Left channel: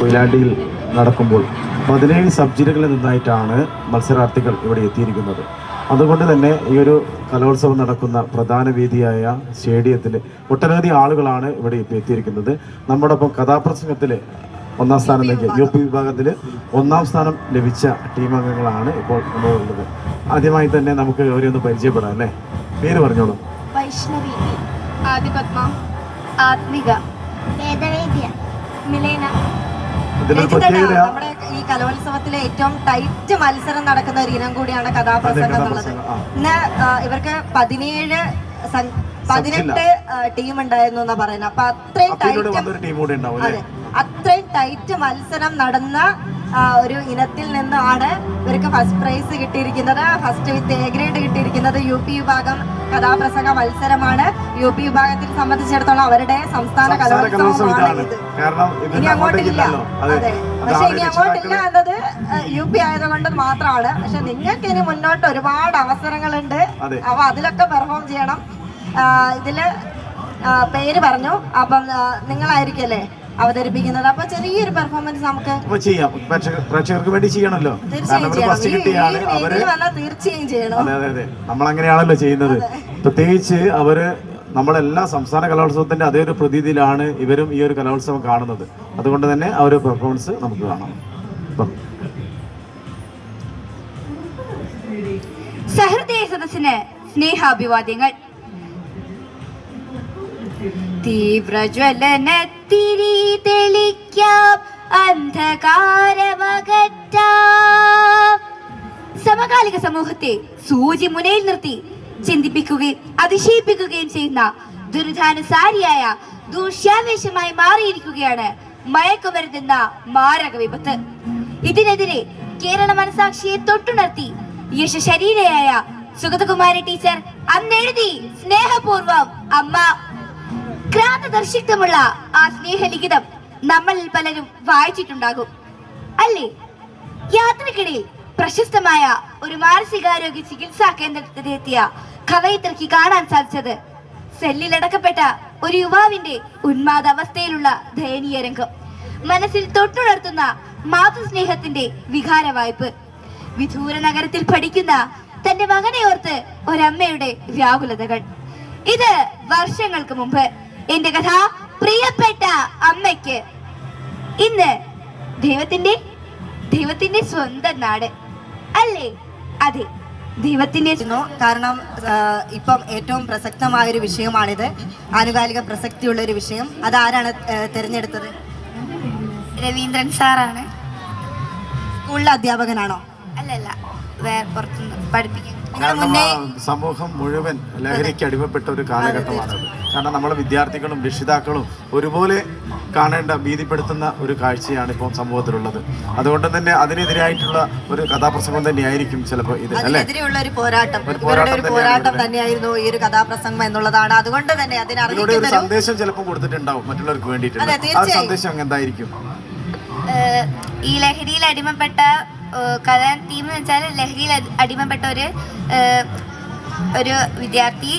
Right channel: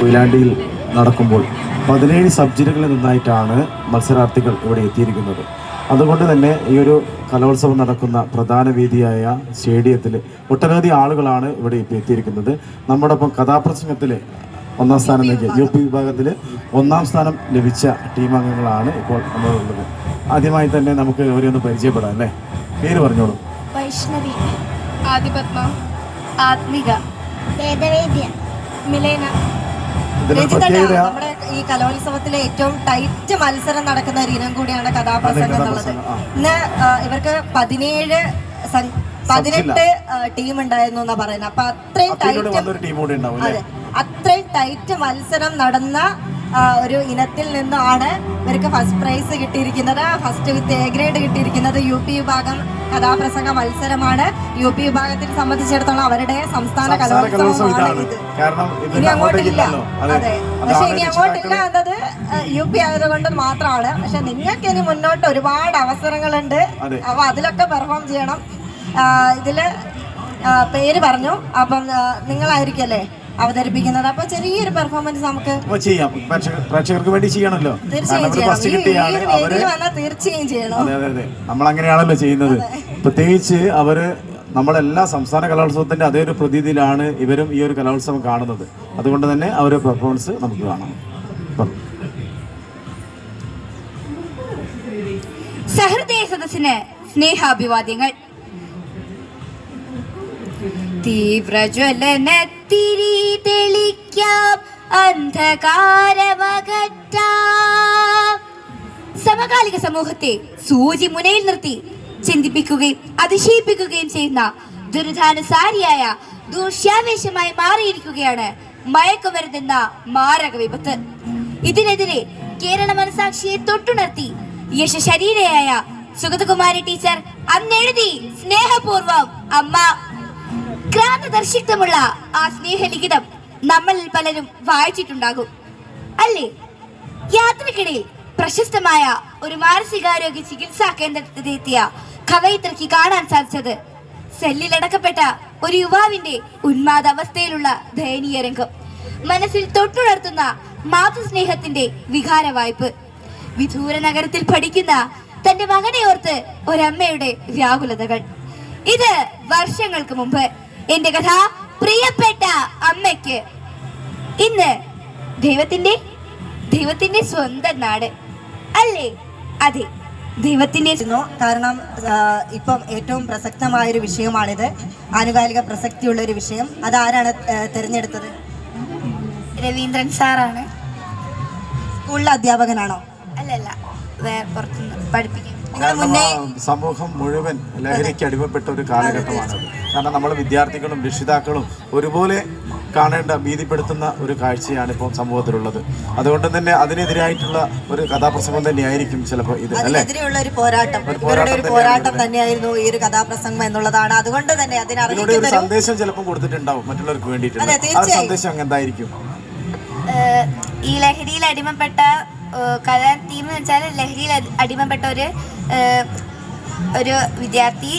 കൊയിലാണ്ടിയിൽ നടക്കുമ്പോൾ പതിനേഴ് സബ് ജില്ലകളിൽ നിന്നായിട്ടാണ് മത്സരാർത്ഥികൾ ഇവിടെ എത്തിയിരിക്കുന്നത്. അതുകൊണ്ട് തന്നെ ഈ ഒരു കലോത്സവം നടക്കുന്ന പ്രധാന വേദിയായ സ്റ്റേഡിയത്തിൽ ഒട്ടനവധി ആളുകളാണ് ഇവിടെ എത്തിയിരിക്കുന്നത്. നമ്മുടെ ഒപ്പം കഥാപ്രസംഗത്തിൽ ഒന്നാം സ്ഥാനം നൽകിയ യു പി വിഭാഗത്തിൽ ഒന്നാം സ്ഥാനം ലഭിച്ച ടീം അംഗങ്ങളാണ് ഇപ്പോൾ നമ്മളുള്ളത്. ആദ്യമായി തന്നെ നമുക്ക് ഇവരെ ഒന്ന് പരിചയപ്പെടാം അല്ലേ? പേര് പറഞ്ഞോളൂ. വൈഷ്ണവി ആദിപത്മ ആത്മിക വേദവേദ്യ മിലേന നമ്മുടെ ഈ കലോത്സവത്തിലെ ഏറ്റവും ടൈറ്റ് മത്സരം നടക്കുന്ന ഒരു ഇനം കൂടിയാണ് കഥാപ്രസംഗം എന്നുള്ളത്. ഇന്ന് ഇവർക്ക് പതിനേഴ് പതിനെട്ട് ടീം ഉണ്ടായിരുന്നു എന്നാ പറയുന്നത് അപ്പൊ അത്രയും ടൈറ്റ് അതെ. അത്രയും ടൈറ്റ് മത്സരം നടന്ന ഒരു ഇനത്തിൽ നിന്നാണ് ഇവർക്ക് ഫസ്റ്റ് പ്രൈസ് കിട്ടിയിരിക്കുന്നത്. ഫസ്റ്റ് വിത്ത് എ ഗ്രേഡ് കിട്ടിയിരിക്കുന്നത് യു പി വിഭാഗം കഥാപ്രസംഗ മത്സരമാണ്. യു പി വിഭാഗത്തിൽ സംബന്ധിച്ചിടത്തോളം അവരുടെ സംസ്ഥാന കലോത്സവമാണ് ഇത്. ഇനി അങ്ങോട്ടില്ല. അതെ. പക്ഷെ ഇനി അങ്ങോട്ടില്ല എന്നത് യു പി ആയതുകൊണ്ട് മാത്രമാണ്. പക്ഷെ നിങ്ങൾക്ക് ഇനി മുന്നോട്ട് ഒരുപാട് അവസരങ്ങളുണ്ട്. അപ്പൊ അതിലൊക്കെ പെർഫോം ചെയ്യണം. ഇതിൽ പേര് പറഞ്ഞു. അപ്പം നിങ്ങളായിരിക്കല്ലേ അവതരിപ്പിക്കുന്നത്. അപ്പൊ ചെറിയൊരു പെർഫോമൻസ് നമുക്ക് ചെയ്യാം. പ്രേക്ഷക- പ്രേക്ഷകർക്ക് വേണ്ടി ചെയ്യണല്ലോ തീർച്ചയായും ചെയ്യണം. അതെ അതെ അതെ. നമ്മൾ അങ്ങനെയാണല്ലോ ചെയ്യുന്നത് പ്രത്യേകിച്ച് അവർ നമ്മളെല്ലാ സംസ്ഥാന കലോത്സവത്തിന്റെ അതേ ഒരു പ്രതീതിയിലാണ് ഇവരും ഈ ഒരു കലോത്സവം കാണുന്നത്. അതുകൊണ്ട് തന്നെ ആ ഒരു പെർഫോമൻസ് നമുക്ക് കാണാം. സഹൃദയ സദസ്സിന് സ്നേഹാഭിവാദ്യങ്ങൾ. തീവ്രജ്വലനത്തിരി തെളിക്കാം അന്ധകാരമകറ്റാം. സമകാലിക സമൂഹത്തെ സൂചി മുനയിൽ നിർത്തി ചിന്തിപ്പിക്കുകയും അതിശയിപ്പിക്കുകയും ചെയ്യുന്ന ദുരിതാനുസാരിയായ ദൂഷ്യാവേശമായി മാറിയിരിക്കുകയാണ് മയക്കുമരുന്നെന്ന മാരക വിപത്ത്. ഇതിനെതിരെ കേരള മനസാക്ഷിയെ തൊട്ടുണർത്തി യശശരീരയായ സുഗതകുമാരി ടീച്ചർ അന്നെഴുതി സ്നേഹപൂർവം അമ്മ ക്രാന്തദർശിത്വമുള്ള ആ സ്നേഹലിഖിതം നമ്മളിൽ പലരും വായിച്ചിട്ടുണ്ടാകും. അല്ലേ? യാത്രക്കിടയിൽ പ്രശസ്തമായ ഒരു മാനസികാരോഗ്യ ചികിത്സാ കേന്ദ്രത്തിലെത്തിയ കവയിത്രയ്ക്ക് കാണാൻ സാധിച്ചത് സെല്ലിലടക്കപ്പെട്ട ഒരു യുവാവിന്റെ ഉന്മാദാവസ്ഥയിലുള്ള ദയനീയ രംഗം. മനസ്സിൽ തൊട്ടുണർത്തുന്ന മാതൃസ്നേഹത്തിന്റെ വികാര വായ്പ് വിദൂര നഗരത്തിൽ പഠിക്കുന്ന തന്റെ മകനെ ഓർത്ത് ഒരമ്മയുടെ വ്യാകുലതകൾ. ഇത് വർഷങ്ങൾക്ക് മുമ്പ് എന്റെ കഥ പ്രിയപ്പെട്ട അമ്മയ്ക്ക്. ഇന്ന് ദൈവത്തിന്റെ ദൈവത്തിന്റെ സ്വന്തം നാട്. അല്ലേ? അതെ. ദൈവത്തിന്റെ കാരണം ഇപ്പം ഏറ്റവും പ്രസക്തമായ ഒരു വിഷയമാണിത്. ആനുകാലിക പ്രസക്തിയുള്ള ഒരു വിഷയം. അതാരാണ് തിരഞ്ഞെടുത്തത്? രവീന്ദ്രൻ സാറാണ്. സ്കൂളിലെ അധ്യാപകനാണോ? അല്ലല്ല. വേറെ പുറത്തുനിന്ന് പഠിപ്പിക്കുന്നു നിങ്ങൾ കാരണം മുന്നേ ആ സമൂഹം മുഴുവൻ ലഹരിക്ക് അടിമപ്പെട്ട ഒരു കാലഘട്ടമാണ് കാരണം നമ്മൾ വിദ്യാർത്ഥികളും രക്ഷിതാക്കളും ഒരുപോലെ കാണേണ്ട ഭീതിപ്പെടുത്തുന്ന ഒരു കാഴ്ചയാണ് ഇപ്പോൾ സമൂഹത്തിലുള്ളത്. അതുകൊണ്ട് തന്നെ അതിനെതിരായിട്ടുള്ള ഒരു കഥാപ്രസംഗം തന്നെയായിരിക്കും ചിലപ്പോൾ ഇത് അല്ലേ? അതിനെതിരെയുള്ള ഒരു പോരാട്ടം. ഒരു ഇവരുടെ പോരാട്ടം ഒരു തന്നെയാണ് പോരാട്ടം തന്നെയായിരുന്നു ഈ ഒരു കഥാപ്രസംഗം എന്നുള്ളതാണ്. അതുകൊണ്ട് തന്നെ ഇതിലൂടെ ഒരു അതിനറിയിക്കുന്ന സന്ദേശം ചിലപ്പോൾ കൊടുത്തിട്ടുണ്ടാവും മറ്റുള്ളവർക്ക് വേണ്ടിയിട്ട് അതെ, ആ തീർച്ചയായും. സന്ദേശം എന്തായിരിക്കും? ഈ ലഹരിയിൽ അടിമപ്പെട്ട കഥ തീം എന്ന് വെച്ചാൽ ലഹരിയിൽ അടിമപ്പെട്ട ഒരു ഒരു വിദ്യാർത്ഥി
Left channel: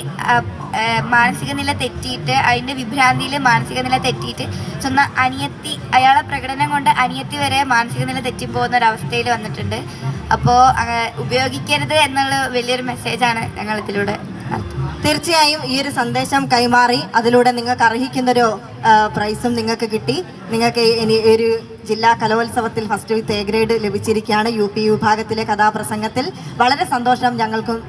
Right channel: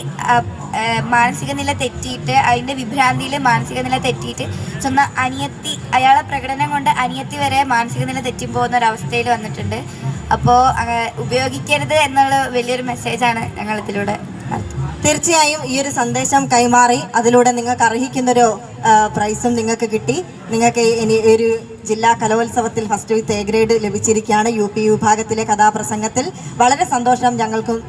മാനസിക നില തെറ്റിയിട്ട് അതിന്റെ വിഭ്രാന്തിയിൽ മാനസിക നില തെറ്റിയിട്ട് സ്വന്തം അനിയത്തി അയാളെ പ്രകടനം കൊണ്ട് അനിയത്തി വരെ മാനസിക നില തെറ്റി പോകുന്ന ഒരു അവസ്ഥയിൽ വന്നിട്ടുണ്ട് അപ്പോൾ ഉപയോഗിക്കരുത് എന്നുള്ള വലിയൊരു മെസ്സേജാണ് നടത്തുന്നത് തീർച്ചയായും ഈ ഒരു സന്ദേശം കൈമാറി. അതിലൂടെ നിങ്ങൾക്ക് അർഹിക്കുന്നൊരു പ്രൈസും നിങ്ങൾക്ക് കിട്ടി. നിങ്ങൾക്ക് ഇനി ഒരു ജില്ലാ കലോത്സവത്തിൽ ഫസ്റ്റ് വിത്ത് എ ഗ്രേഡ് ലഭിച്ചിരിക്കുകയാണ് യു പി വിഭാഗത്തിലെ കഥാപ്രസംഗത്തിൽ. വളരെ സന്തോഷം ഞങ്ങൾക്കും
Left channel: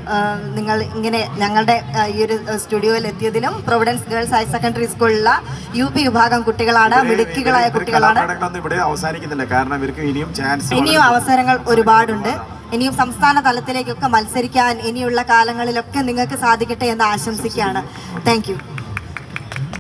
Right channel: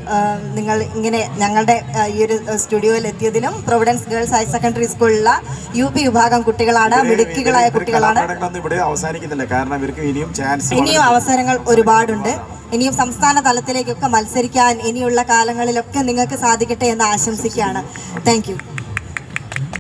നിങ്ങൾ ഇങ്ങനെ ഞങ്ങളുടെ ഈ ഒരു സ്റ്റുഡിയോയിൽ എത്തിയതിലും. പ്രൊവിഡൻസ് ഗേൾസ് ഹയർ സെക്കൻഡറി സ്കൂളിലുള്ള യു പി വിഭാഗം കുട്ടികളാണ് മിടുക്കികളായ കുട്ടികളാണ്. ഇവിടെ അവസാനിക്കുന്നില്ല. കാരണം ഇവർക്ക് ഇനിയും ചാൻസ് ഇനിയും അവസരങ്ങൾ ഒരുപാടുണ്ട്. ഇനിയും സംസ്ഥാന തലത്തിലേക്കൊക്കെ മത്സരിക്കാൻ ഇനിയുള്ള കാലങ്ങളിലൊക്കെ നിങ്ങൾക്ക് സാധിക്കട്ടെ എന്ന് ആശംസിക്കുകയാണ്. താങ്ക്